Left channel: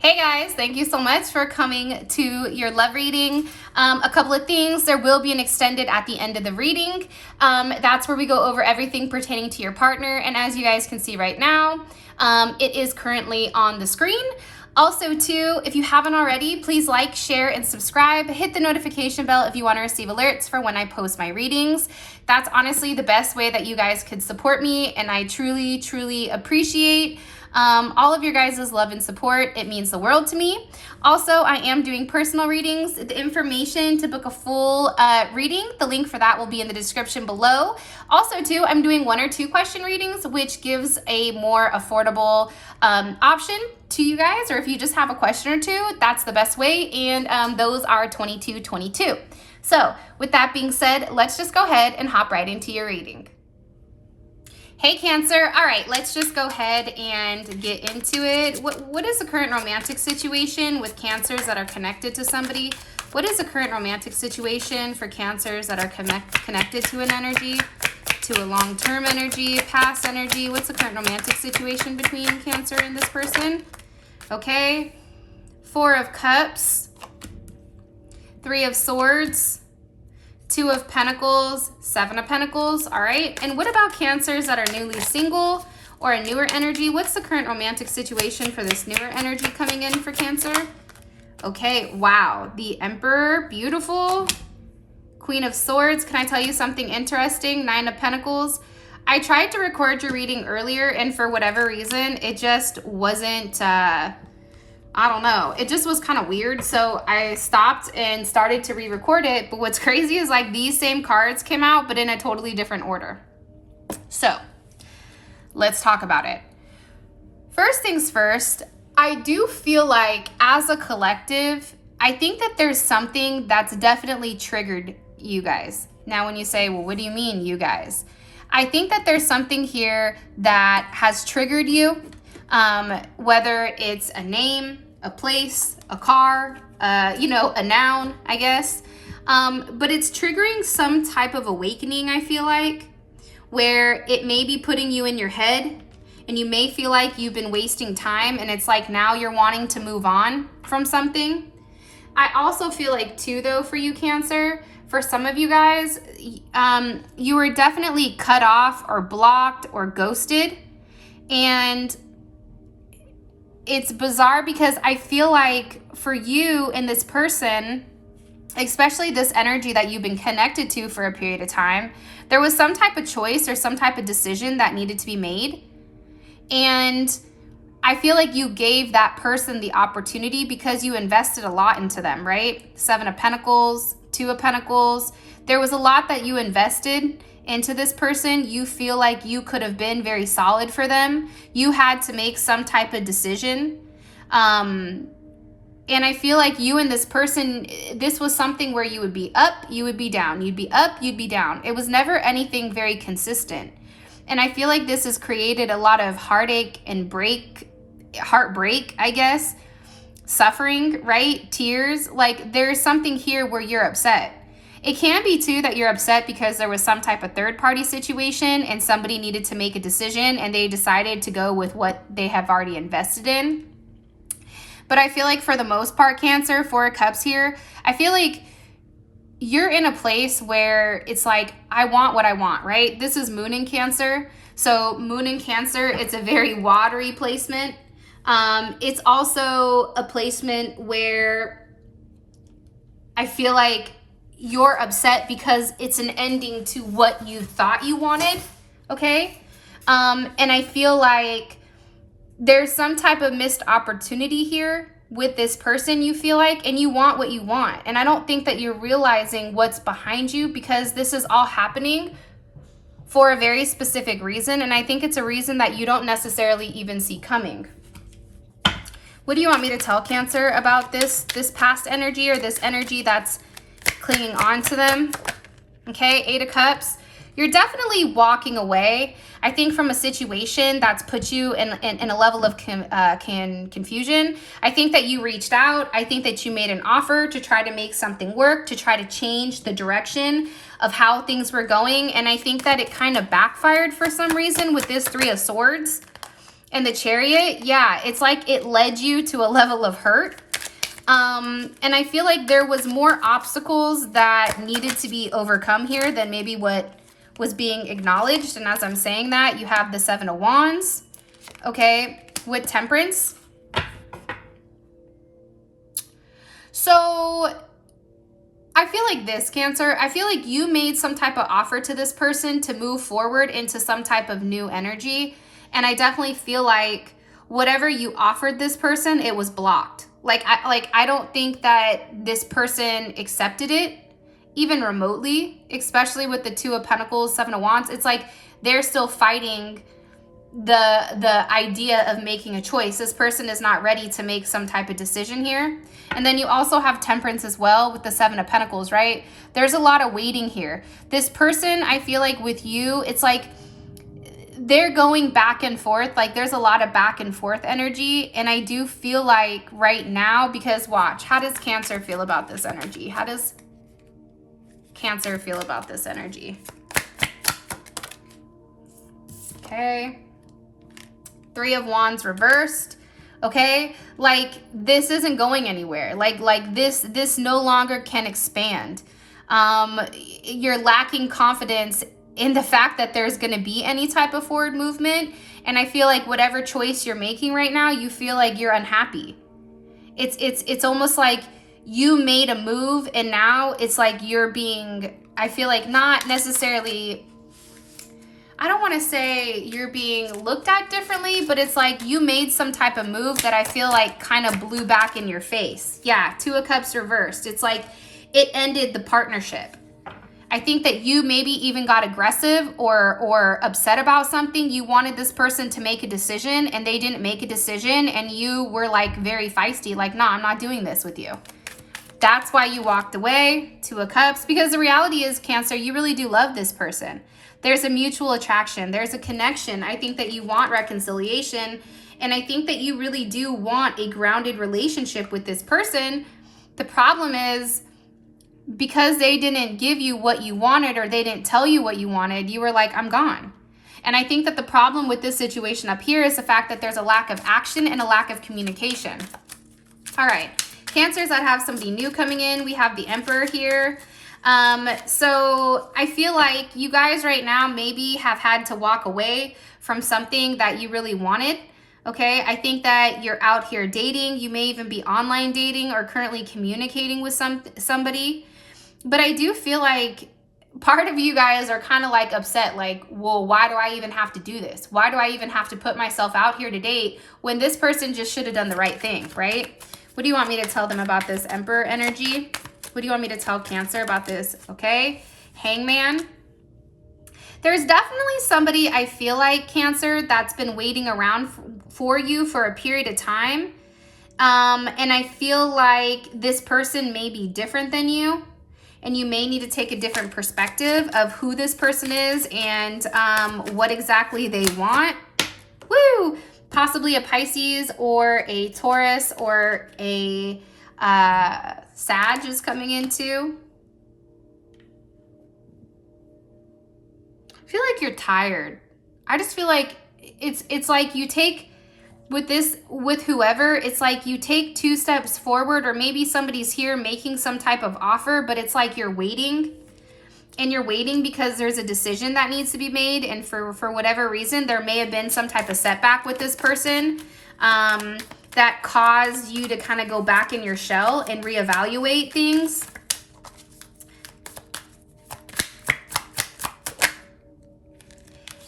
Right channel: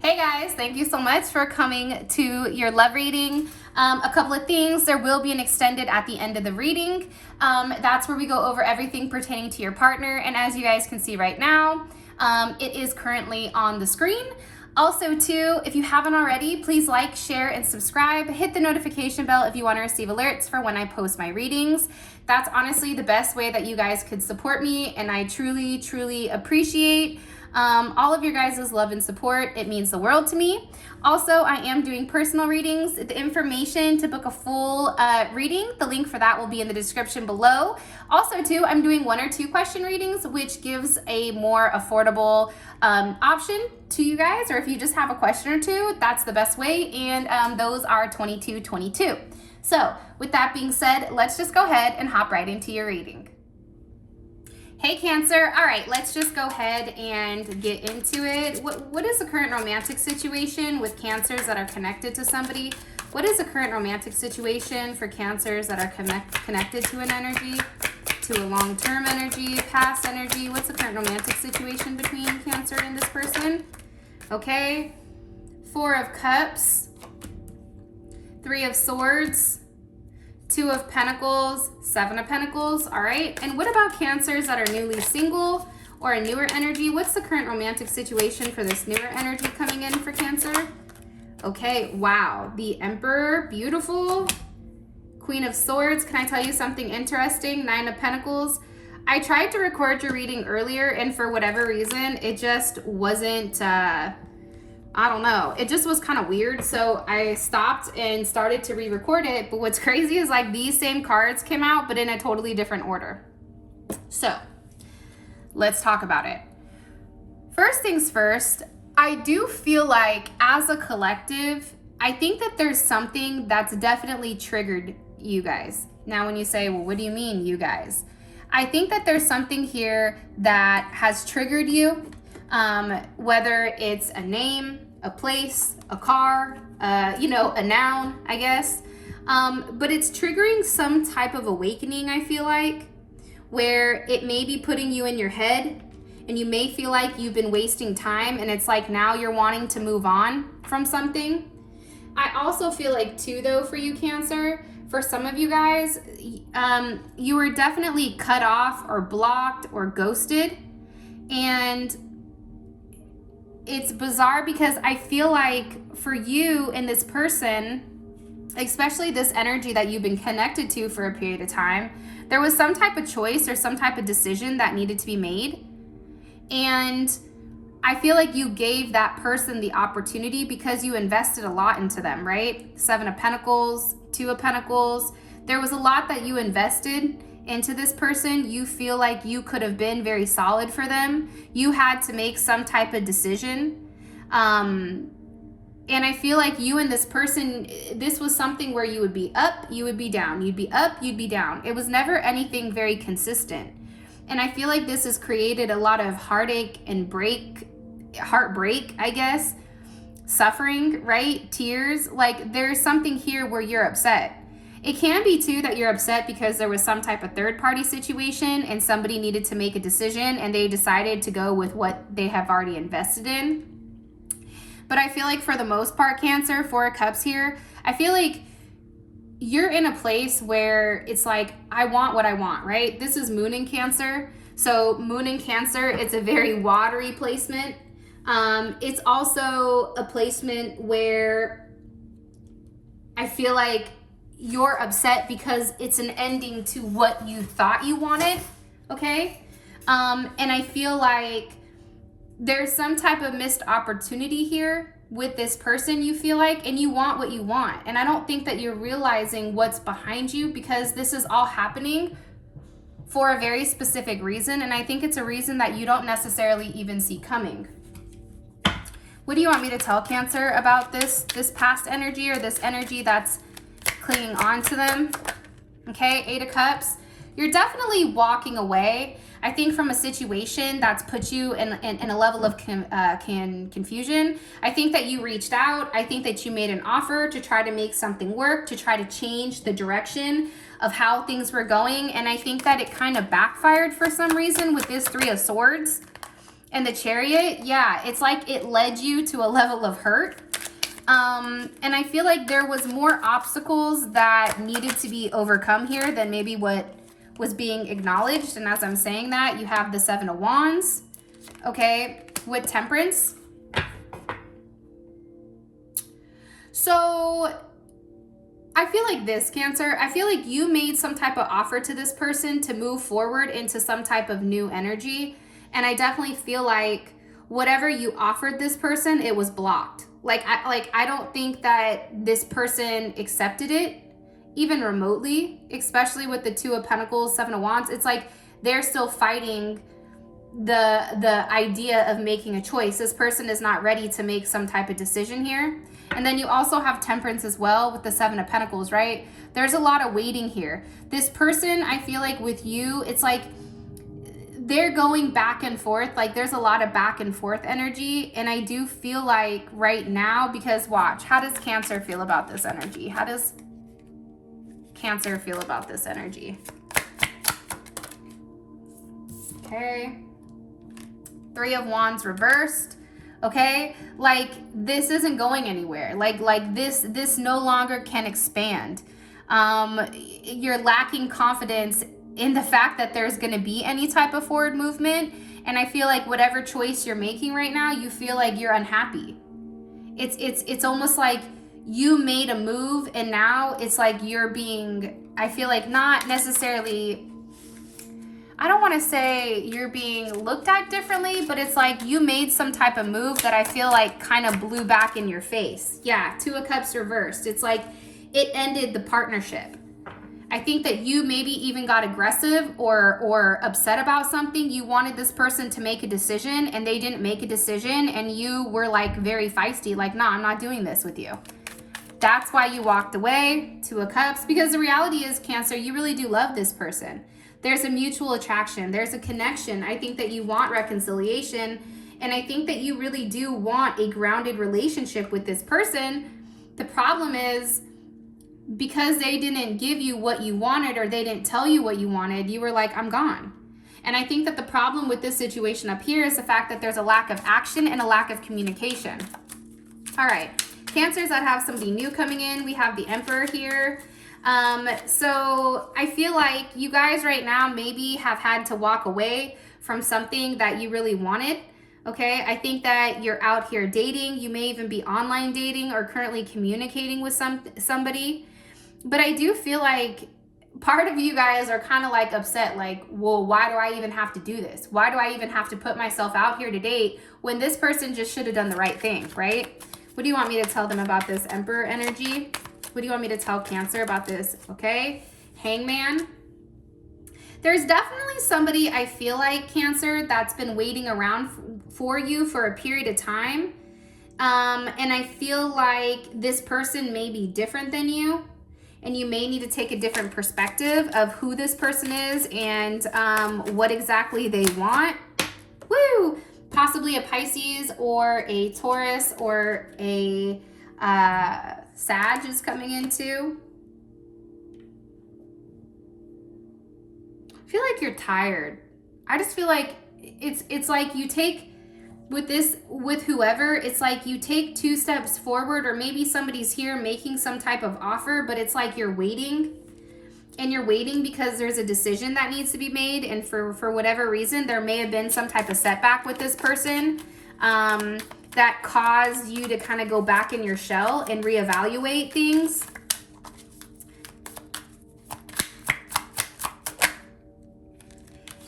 Hey guys, thank you so much for coming to your love reading. A couple of things, there will be an extended at the end of the reading. That's where we go over everything pertaining to your partner. And as you guys can see right now, it is currently on the screen. Also too, if you haven't already, please like, share, and subscribe. Hit the notification bell if you want to receive alerts for when I post my readings. That's honestly the best way that you guys could support me, and I truly, truly appreciate all of your guys' love and support. It means the world to me. Also, I am doing personal readings. The information to book a full reading, the link for that will be in the description below. Also, too, I'm doing 1 or 2 question readings, which gives a more affordable option to you guys, or if you just have a question or two, that's the best way, and those are $22.22. So, with that being said, let's just go ahead and hop right into your reading. Hey Cancer, all right, let's just go ahead and get into it. What is the current romantic situation with Cancers that are connected to somebody? What is the current romantic situation for Cancers that are connected to an energy, to a long-term energy, past energy? What's the current romantic situation between Cancer and this person? Okay, 4 of Cups, 3 of Swords, 2 of Pentacles, 7 of Pentacles, all right? And what about Cancers that are newly single or a newer energy? What's the current romantic situation for this newer energy coming in for Cancer? Okay, wow, the Emperor, beautiful. Queen of Swords, can I tell you something interesting? 9 of Pentacles. I tried to record your reading earlier, and for whatever reason, it just wasn't, I don't know. It just was kind of weird. So I stopped and started to re-record it. But what's crazy is like these same cards came out, but in a totally different order. So let's talk about it. First things first, I do feel like as a collective, I think that there's something that's definitely triggered you guys. Now, when you say, well, what do you mean, you guys? I think that there's something here that has triggered you. Whether it's a name, a place, a car, a noun, I guess. But it's triggering some type of awakening, I feel like, where it may be putting you in your head and you may feel like you've been wasting time, and it's like now you're wanting to move on from something. I also feel like too, though, for you Cancer, for some of you guys, you were definitely cut off or blocked or ghosted. And it's bizarre because I feel like for you and this person, especially this energy that you've been connected to for a period of time, there was some type of choice or some type of decision that needed to be made. And I feel like you gave that person the opportunity because you invested a lot into them, right? 7 of Pentacles, 2 of Pentacles. There was a lot that you invested into this person. You feel like you could have been very solid for them. You had to make some type of decision. And I feel like you and this person, this was something where you would be up, you would be down, you'd be up, you'd be down. It was never anything very consistent. And I feel like this has created a lot of heartache and heartbreak, I guess, suffering, right? Tears. Like there's something here where you're upset. It can be too that you're upset because there was some type of third party situation and somebody needed to make a decision and they decided to go with what they have already invested in. But I feel like for the most part, Cancer, 4 of Cups here, I feel like you're in a place where it's like, I want what I want, right? This is Moon in Cancer. So Moon in Cancer, it's a very watery placement. It's also a placement where I feel like you're upset because it's an ending to what you thought you wanted, okay? And I feel like there's some type of missed opportunity here with this person, you feel like, and you want what you want. And I don't think that you're realizing what's behind you because this is all happening for a very specific reason. And I think it's a reason that you don't necessarily even see coming. What do you want me to tell Cancer about this past energy or this energy that's clinging on to them? Okay, 8 of Cups. You're definitely walking away, I think, from a situation that's put you in a level of confusion. I think that you reached out. I think that you made an offer to try to make something work, to try to change the direction of how things were going. And I think that it kind of backfired for some reason with this 3 of Swords. And the Chariot, yeah, it's like it led you to a level of hurt. And I feel like there was more obstacles that needed to be overcome here than maybe what was being acknowledged. And as I'm saying that, you have the Seven of Wands, okay, with Temperance. So I feel like this, Cancer, I feel like you made some type of offer to this person to move forward into some type of new energy. And I definitely feel like whatever you offered this person, it was blocked. I don't think that this person accepted it, even remotely, especially with the Two of Pentacles, Seven of Wands. It's like they're still fighting the idea of making a choice. This person is not ready to make some type of decision here. And then you also have Temperance as well with the Seven of Pentacles, right? There's a lot of waiting here. This person, I feel like with you, it's like they're going back and forth. Like there's a lot of back and forth energy. And I do feel like right now, because watch, how does Cancer feel about this energy? How does Cancer feel about this energy? Okay. Three of Wands reversed. Okay, like this isn't going anywhere. Like this no longer can expand. You're lacking confidence in the fact that there's going to be any type of forward movement. And I feel like whatever choice you're making right now, you feel like you're unhappy. It's almost like you made a move and now it's like you're being, I feel like not necessarily, I don't want to say you're being looked at differently, but it's like you made some type of move that I feel like kind of blew back in your face. Yeah, Two of Cups reversed. It's like it ended the partnership. I think that you maybe even got aggressive or upset about something. You wanted this person to make a decision and they didn't make a decision and you were like very feisty, like, nah, I'm not doing this with you. That's why you walked away. Two of Cups, because the reality is, Cancer, you really do love this person. There's a mutual attraction. There's a connection. I think that you want reconciliation. And I think that you really do want a grounded relationship with this person. The problem is because they didn't give you what you wanted or they didn't tell you what you wanted, you were like, I'm gone. And I think that the problem with this situation up here is the fact that there's a lack of action and a lack of communication. All right, Cancers that have somebody new coming in. We have the Emperor here. So I feel like you guys right now maybe have had to walk away from something that you really wanted. Okay, I think that you're out here dating. You may even be online dating or currently communicating with somebody. But I do feel like part of you guys are kind of like upset, like, well, why do I even have to do this? Why do I even have to put myself out here to date when this person just should have done the right thing, right? What do you want me to tell them about this Emperor energy? What do you want me to tell Cancer about this? Okay, Hangman. There's definitely somebody, I feel like, Cancer, that's been waiting around for you for a period of time. And I feel like this person may be different than you. And you may need to take a different perspective of who this person is and what exactly they want. Woo! Possibly a Pisces or a Taurus or a Sag is coming in too. I feel like you're tired. I just feel like it's like you take with whoever, it's like you take 2 steps forward, or maybe somebody's here making some type of offer, but it's like you're waiting. And you're waiting because there's a decision that needs to be made, and for whatever reason, there may have been some type of setback with this person that caused you to kind of go back in your shell and reevaluate things.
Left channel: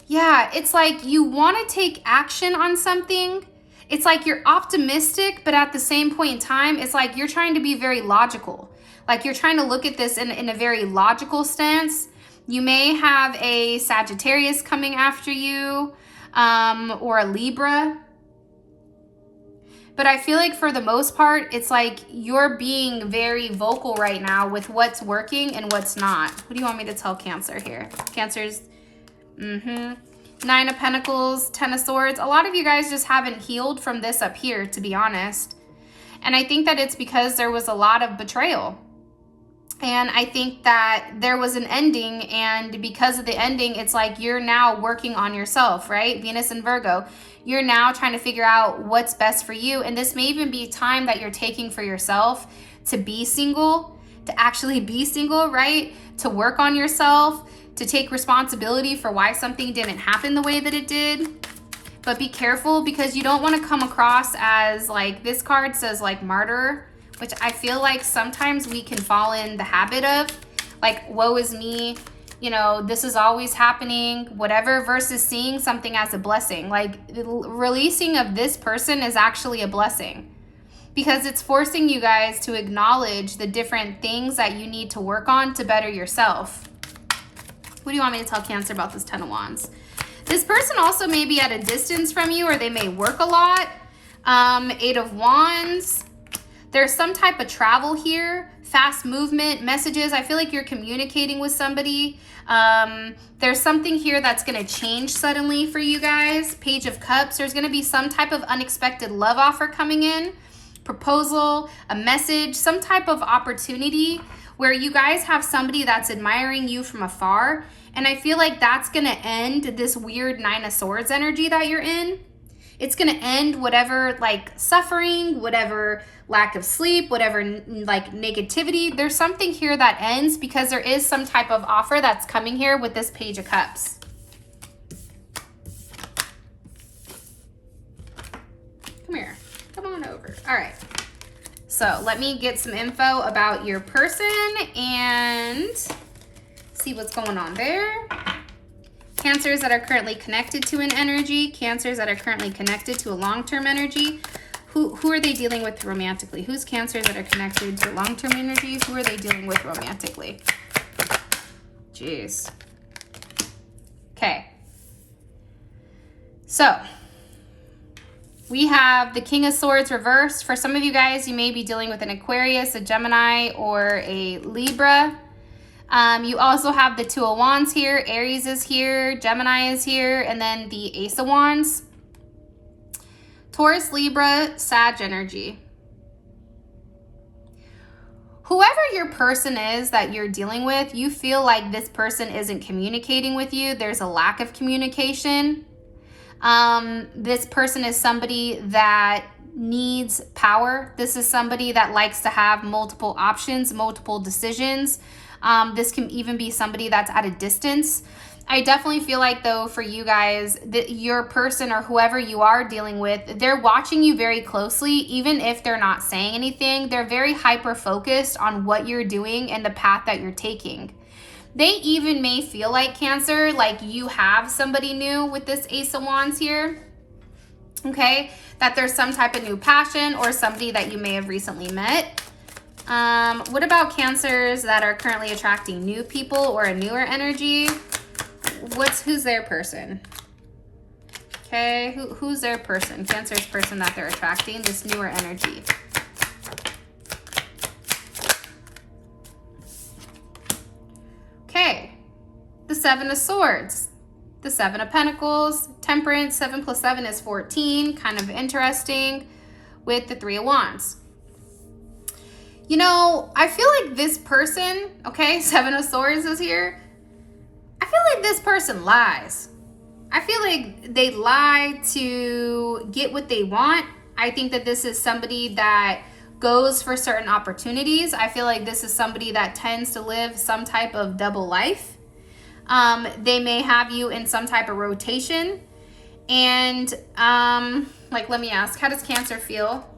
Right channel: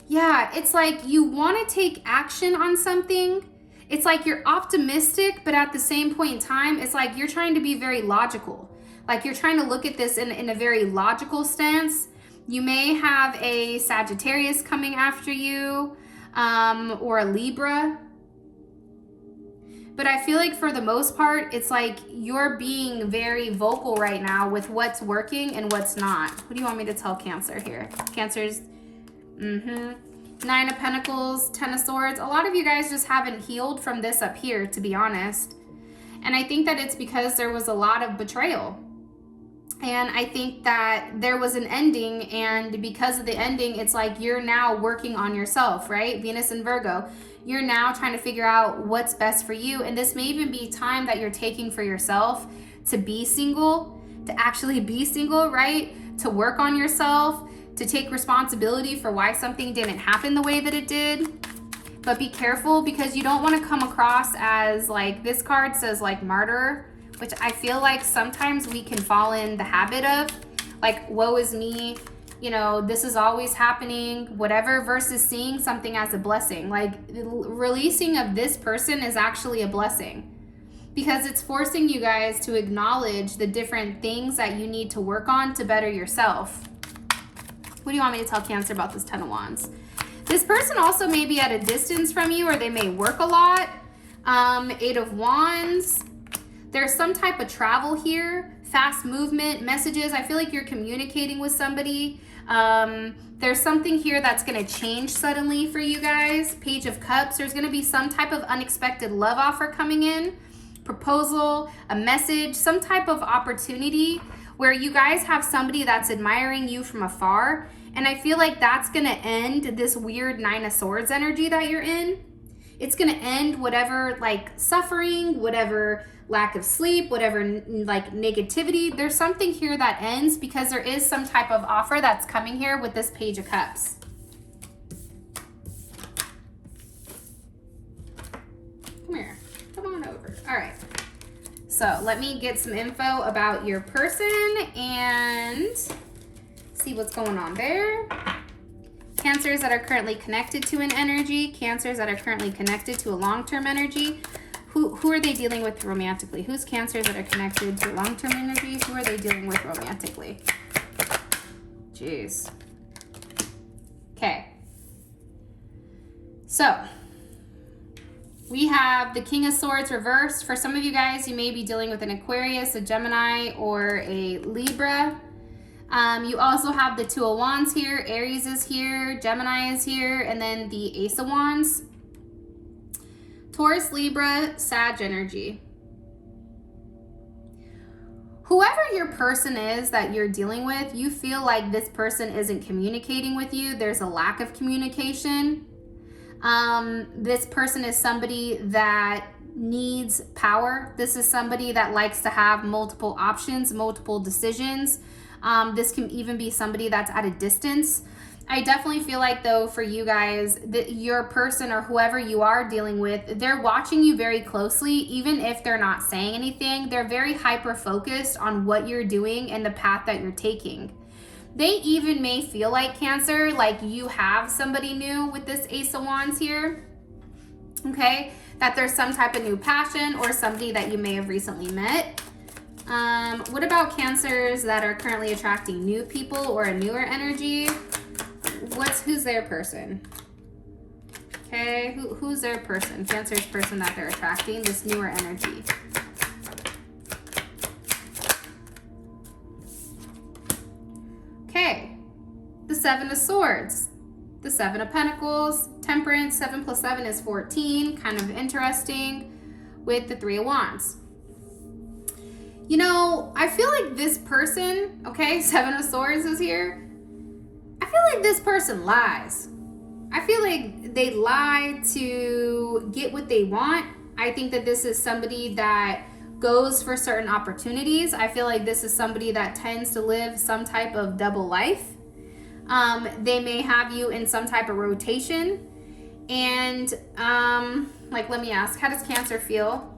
Yeah, it's like you want to take action on something. It's like you're optimistic, but at the same point in time, it's like you're trying to be very logical. Like you're trying to look at this in a very logical stance. You may have a Sagittarius coming after you, or a Libra. But I feel like for the most part, it's like you're being very vocal right now with what's working and what's not. What do you want me to tell Cancer here? Cancer's, 9 of Pentacles, 10 of Swords. A lot of you guys just haven't healed from this up here, to be honest. And I think that it's because there was a lot of betrayal. And I think that there was an ending, and because of the ending, it's like you're now working on yourself, right? Venus and Virgo. You're now trying to figure out what's best for you. And this may even be time that you're taking for yourself to be single, to actually be single, right? To work on yourself, to take responsibility for why something didn't happen the way that it did. But be careful, because you don't want to come across as like, this card says like martyr, which I feel like sometimes we can fall in the habit of, like, woe is me, you know, this is always happening, whatever, versus seeing something as a blessing. Like, releasing of this person is actually a blessing, because it's forcing you guys to acknowledge the different things that you need to work on to better yourself. What do you want me to tell Cancer about this 10 of Wands? This person also may be at a distance from you, or they may work a lot. 8 of Wands. There's some type of travel here, fast movement, messages. I feel like you're communicating with somebody. There's something here that's going to change suddenly for you guys. Page of Cups. There's going to be some type of unexpected love offer coming in, proposal, a message, some type of opportunity where you guys have somebody that's admiring you from afar. And I feel like that's going to end this weird 9 of Swords energy that you're in. It's going to end whatever like suffering, whatever lack of sleep, whatever like negativity. There's something here that ends, because there is some type of offer that's coming here with this Page of Cups. Come here. Come on over. All right. So let me get some info about your person and see what's going on there. Cancers that are currently connected to an energy. Cancers that are currently connected to a long-term energy. Who are they dealing with romantically? Who's Cancers that are connected to long-term energy? Who are they dealing with romantically? Jeez. Okay. So we have the King of Swords reversed. For some of you guys, you may be dealing with an Aquarius, a Gemini, or a Libra. You also have the 2 of Wands here. Aries is here. Gemini is here. And then the Ace of Wands. Taurus, Libra, Sag energy. Whoever your person is that you're dealing with, you feel like this person isn't communicating with you. There's a lack of communication. This person is somebody that needs power. This is somebody that likes to have multiple options, multiple decisions. This can even be somebody that's at a distance. I definitely feel like, though, for you guys, that your person or whoever you are dealing with, they're watching you very closely. Even if they're not saying anything, they're very hyper focused on what you're doing and the path that you're taking. They even may feel like, Cancer, like you have somebody new with this Ace of Wands here. Okay, that there's some type of new passion or somebody that you may have recently met. What about Cancers that are currently attracting new people or a newer energy? Who's their person? Okay, who's their person? Cancer's person that they're attracting, this newer energy. Okay, the 7 of Swords, the 7 of Pentacles, Temperance. 7 plus 7 is 14, kind of interesting, with the 3 of Wands. You know, I feel like this person, okay, 7 of Swords is here. I feel like this person lies. I feel like they lie to get what they want. I think that this is somebody that goes for certain opportunities. I feel like this is somebody that tends to live some type of double life. They may have you in some type of rotation. And like, let me ask, how does Cancer feel?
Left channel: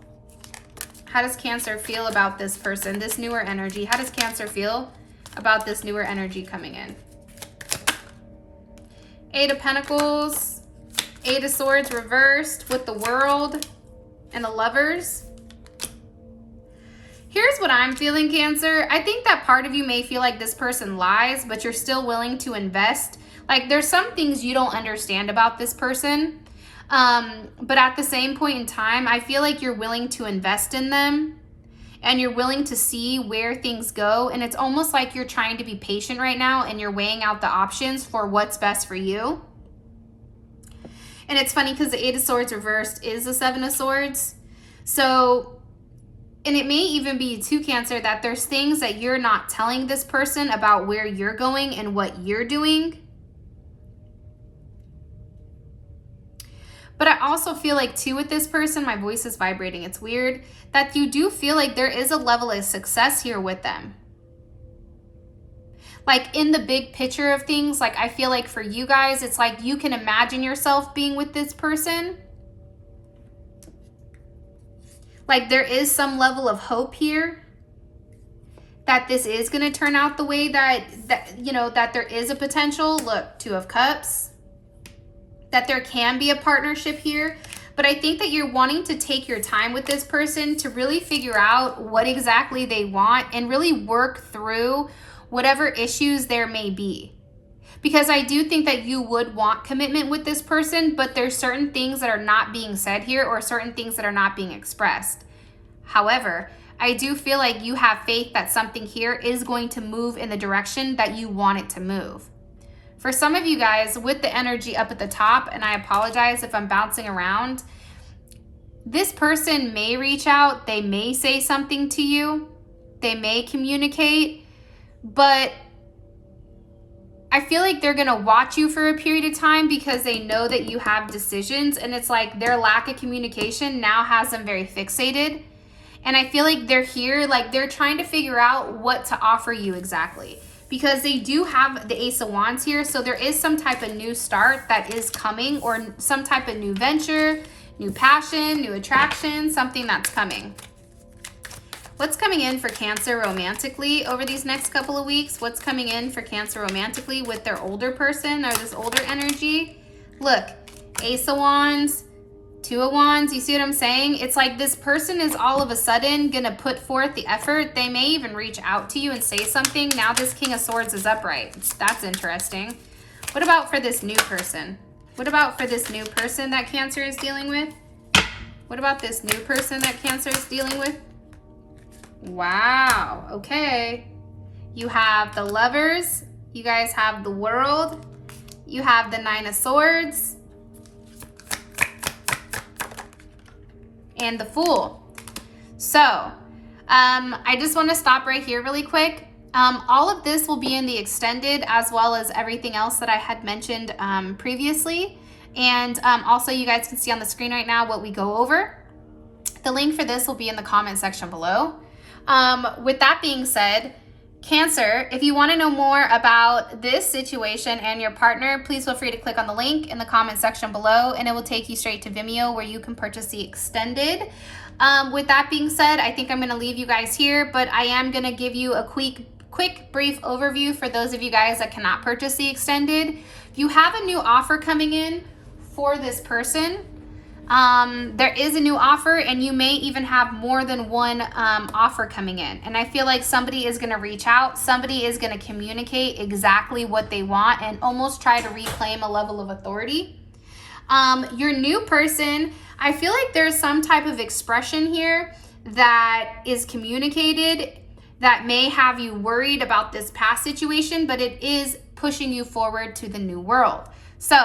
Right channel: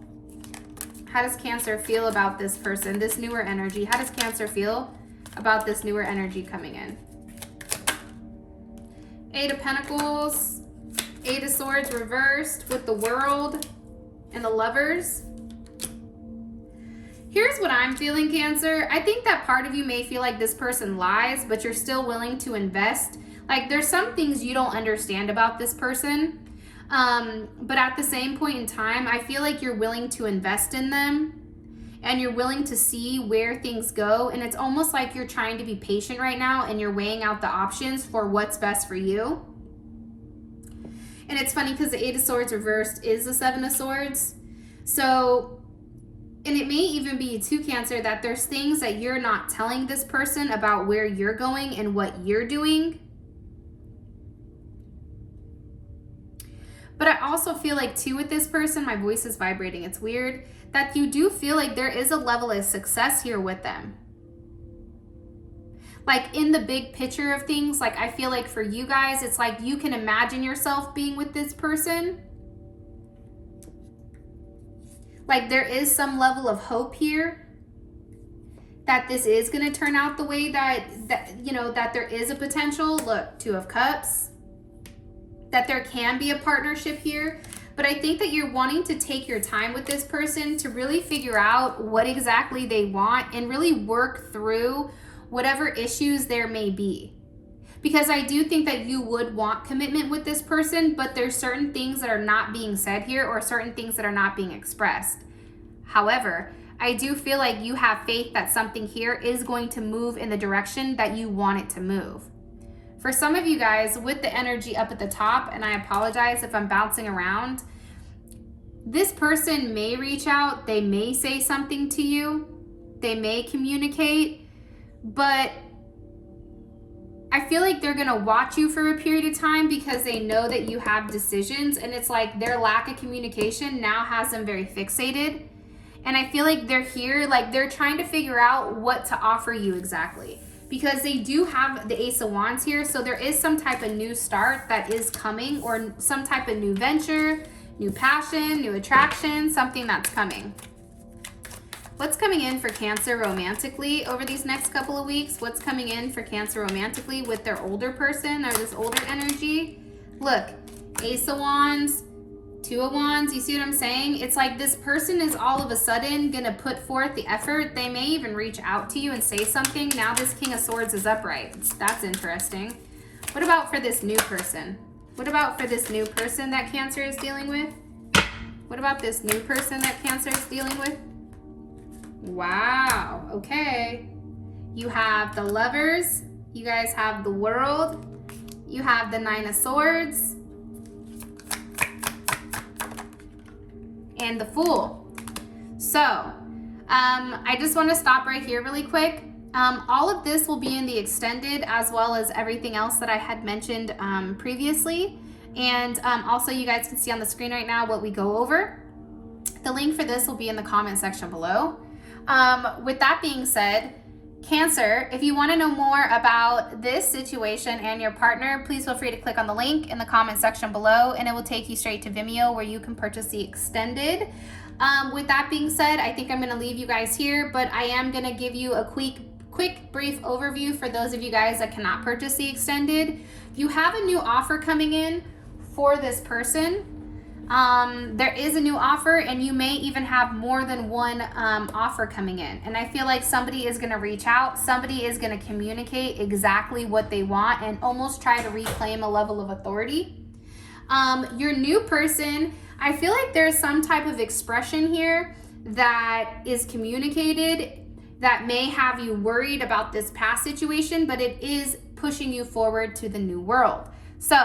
How does Cancer feel about this person, this newer energy? How does Cancer feel about this newer energy coming in? 8 of Pentacles, 8 of Swords reversed with the World and the Lovers. Here's what I'm feeling, Cancer. I think that part of you may feel like this person lies, but you're still willing to invest. Like, there's some things you don't understand about this person. But at the same point in time, I feel like you're willing to invest in them and you're willing to see where things go. And it's almost like you're trying to be patient right now and you're weighing out the options for what's best for you. And it's funny because the 8 of Swords reversed is the 7 of Swords. So, and it may even be too, Cancer, that there's things that you're not telling this person about where you're going and what you're doing. But I also feel like too with this person, my voice is vibrating, it's weird, that you do feel like there is a level of success here with them. Like in the big picture of things, like I feel like for you guys, it's like you can imagine yourself being with this person. Like there is some level of hope here that this is going to turn out the way that you know, that there is a potential. Look, Two of Cups. That there can be a partnership here. But I think that you're wanting to take your time with this person to really figure out what exactly they want and really work through whatever issues there may be. Because I do think that you would want commitment with this person, but there's certain things that are not being said here or certain things that are not being expressed. However, I do feel like you have faith that something here is going to move in the direction that you want it to move. For some of you guys, with the energy up at the top, and I apologize if I'm bouncing around, this person may reach out, they may say something to you, they may communicate, but I feel like they're gonna watch you for a period of time because they know that you have decisions, and it's like their lack of communication now has them very fixated. And I feel like they're here, like they're trying to figure out what to offer you exactly. Because they do have the Ace of Wands here, so there is some type of new start that is coming, or some type of new venture, new passion, new attraction, something that's coming. What's coming in for Cancer romantically over these next couple of weeks? What's coming in for Cancer romantically with their older person or this older energy? Look, Ace of Wands, Two of Wands, you see what I'm saying? It's like this person is all of a sudden gonna put forth the effort. They may even reach out to you and say something. Now this King of Swords is upright. That's interesting. What about for this new person? What about for this new person that Cancer is dealing with? What about this new person that Cancer is dealing with? Wow, okay. You have the Lovers. You guys have the World. You have the Nine of Swords. And the Fool. So, I just want to stop right here really quick. All of this will be in the extended as well as everything else that I had mentioned previously. And also you guys can see on the screen right now what we go over. The link for this will be in the comment section below. With that being said, Cancer, if you want to know more about this situation and your partner, please feel free to click on the link in the comment section below and it will take you straight to Vimeo where you can purchase the extended. With that being said, I think I'm going to leave you guys here, but I am going to give you a quick brief overview for those of you guys that cannot purchase the extended. You have a new offer coming in for this person. There is a new offer and you may even have more than one offer coming in, and I feel like somebody is going to reach out, somebody is going to communicate exactly what they want and almost try to reclaim a level of authority. Your new person, I feel like there's some type of expression here that is communicated that may have you worried about this past situation, but it is pushing you forward to the new world. So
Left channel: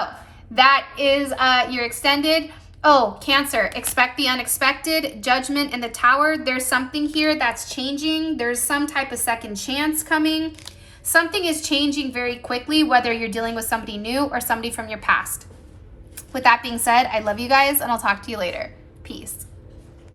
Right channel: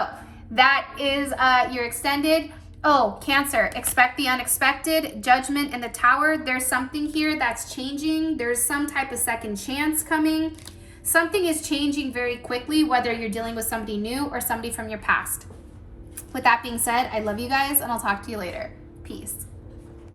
that is your extended. Oh, Cancer, expect the unexpected, Judgment in the Tower. There's something here that's changing. There's some type of second chance coming. Something is changing very quickly, whether you're dealing with somebody new or somebody from your past. With that being said, I love you guys and I'll talk to you later. Peace.